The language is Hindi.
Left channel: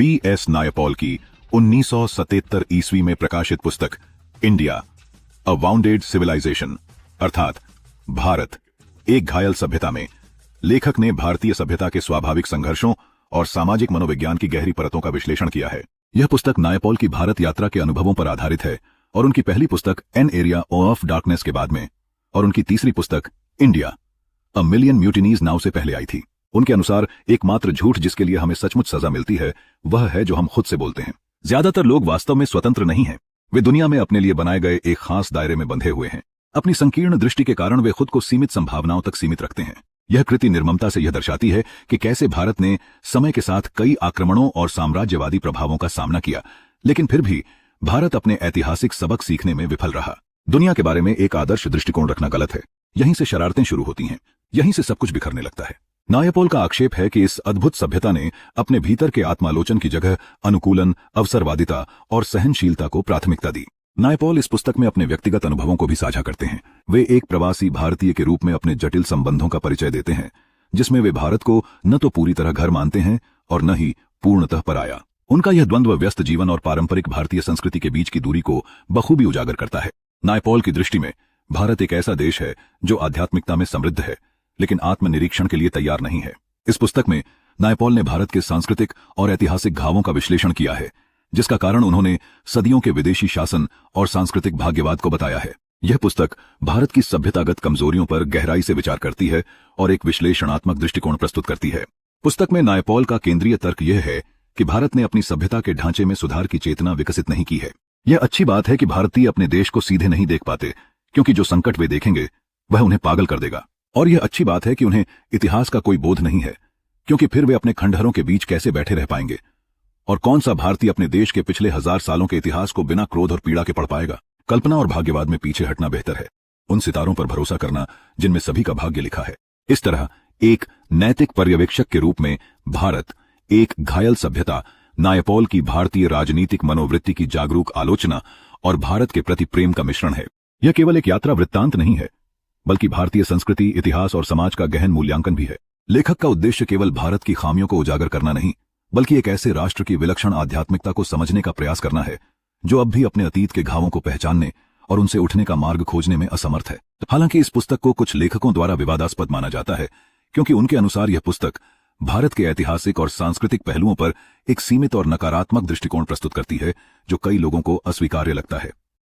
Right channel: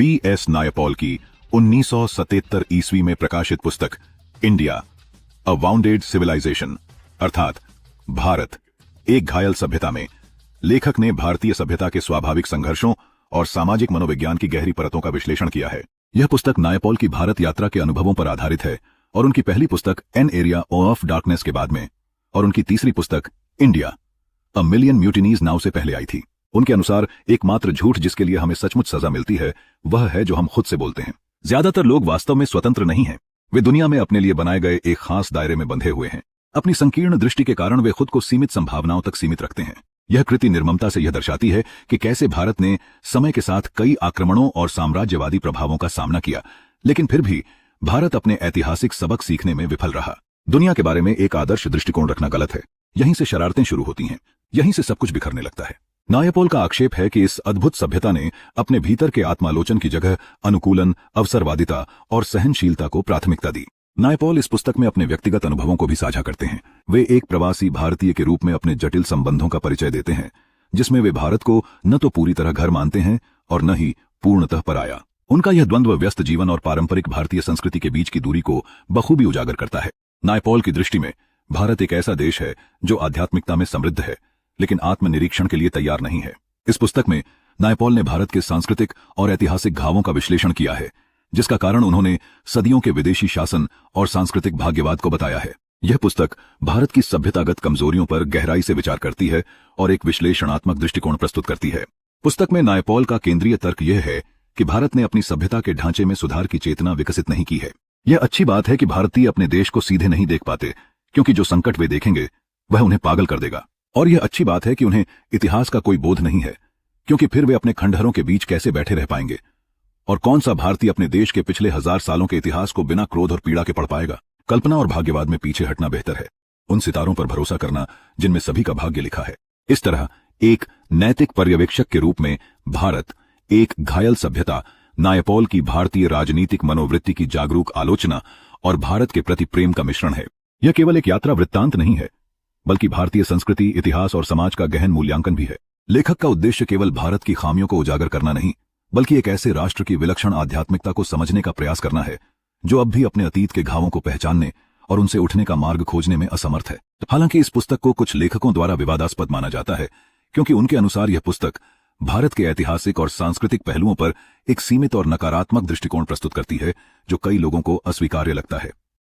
V.S. नायपॉल की 1977 ईस्वी में प्रकाशित पुस्तक इंडिया अ वाउंडेड सिविलाइजेशन अर्थात भारत एक घायल सभ्यता में लेखक ने भारतीय सभ्यता के स्वाभाविक संघर्षों और सामाजिक मनोविज्ञान की गहरी परतों का विश्लेषण किया है। यह पुस्तक नायपॉल की भारत यात्रा के अनुभवों पर आधारित है और उनकी पहली पुस्तक एन एरिया ऑफ डार्कनेस के बाद में और उनकी तीसरी पुस्तक India a million mutinies now से पहले आई थी। उनके अनुसार एकमात्र झूठ जिसके लिए हमें सचमुच सजा मिलती है वह है जो हम खुद से बोलते हैं। ज्यादातर लोग वास्तव में स्वतंत्र नहीं हैं। वे दुनिया में अपने लिए बनाए गए एक खास दायरे में बंधे हुए हैं। अपनी संकीर्ण दृष्टि के कारण वे खुद को सीमित संभावनाओं तक सीमित रखते हैं। यह कृति निर्ममता से यह दर्शाती है कि कैसे भारत ने समय के साथ कई आक्रमणों और साम्राज्यवादी प्रभावों का सामना किया, लेकिन फिर भी भारत अपने ऐतिहासिक सबक सीखने में विफल रहा। दुनिया के बारे में एक आदर्श दृष्टिकोण रखना गलत है। यहीं से शरारतें शुरू होती हैं, यहीं से सब कुछ बिखरने लगता है। नायपॉल का आक्षेप है कि इस अद्भुत सभ्यता ने अपने भीतर के आत्मालोचन की जगह अनुकूलन, अवसरवादिता और सहनशीलता को प्राथमिकता दी। नायपॉल इस पुस्तक में अपने व्यक्तिगत अनुभवों को भी साझा करते हैं। वे एक प्रवासी भारतीय के रूप में अपने जटिल संबंधों का परिचय देते हैं, जिसमें वे भारत को न तो पूरी तरह घर मानते हैं और न ही पूर्णतः पराया। उनका यह द्वंद्व व्यस्त जीवन और पारंपरिक भारतीय संस्कृति के बीच की दूरी को बखूबी उजागर करता है। नायपॉल की दृष्टि में भारत एक ऐसा देश है जो आध्यात्मिकता में समृद्ध है, लेकिन आत्मनिरीक्षण के लिए तैयार नहीं है। इस पुस्तक में नायपॉल ने भारत के सांस्कृतिक और ऐतिहासिक घावों का विश्लेषण किया है, जिसका कारण उन्होंने सदियों के विदेशी शासन और सांस्कृतिक भाग्यवाद को बताया है। यह पुस्तक भारत की सभ्यतागत कमजोरियों पर गहराई से विचार करती है और एक विश्लेषणात्मक दृष्टिकोण प्रस्तुत करती है। पुस्तक में नायपॉल का केंद्रीय तर्क यह है कि भारत ने अपनी सभ्यता के ढांचे में सुधार की चेतना विकसित नहीं की है। यह अच्छी बात है कि भारतीय अपने देश को सीधे नहीं देख पाते, क्योंकि जो संकट वे देखेंगे वह उन्हें पागल कर देगा। और यह अच्छी बात है कि उन्हें इतिहास का कोई बोध नहीं है, क्योंकि फिर वे अपने खंडहरों के बीच कैसे बैठे रह पाएंगे। और कौन सा भारतीय अपने देश के पिछले 1000 सालों के इतिहास को बिना क्रोध और पीड़ा के पढ़ पाएगा। कल्पना और भाग्यवाद में पीछे हटना बेहतर है, उन सितारों पर भरोसा करना जिनमें सभी का भाग्य लिखा है। इस तरह एक नैतिक पर्यवेक्षक के रूप में भारत एक घायल सभ्यता, नायपॉल की भारतीय राजनीतिक मनोवृत्ति की जागरूक आलोचना और भारत के प्रति प्रेम का मिश्रण है। यह केवल एक यात्रा वृत्तांत नहीं है, बल्कि भारतीय संस्कृति, इतिहास और समाज का गहन मूल्यांकन भी है। लेखक का उद्देश्य केवल भारत की खामियों को उजागर करना नहीं, बल्कि एक ऐसे राष्ट्र की विलक्षण आध्यात्मिकता को समझने का प्रयास करना है जो अब भी अपने अतीत के घावों को पहचानने और उनसे उठने का मार्ग खोजने में असमर्थ है। हालांकि इस पुस्तक को कुछ लेखकों द्वारा विवादास्पद माना जाता है, क्योंकि उनके अनुसार यह पुस्तक भारत के ऐतिहासिक और सांस्कृतिक पहलुओं पर एक सीमित और नकारात्मक दृष्टिकोण प्रस्तुत करती है, जो कई लोगों को अस्वीकार्य लगता है।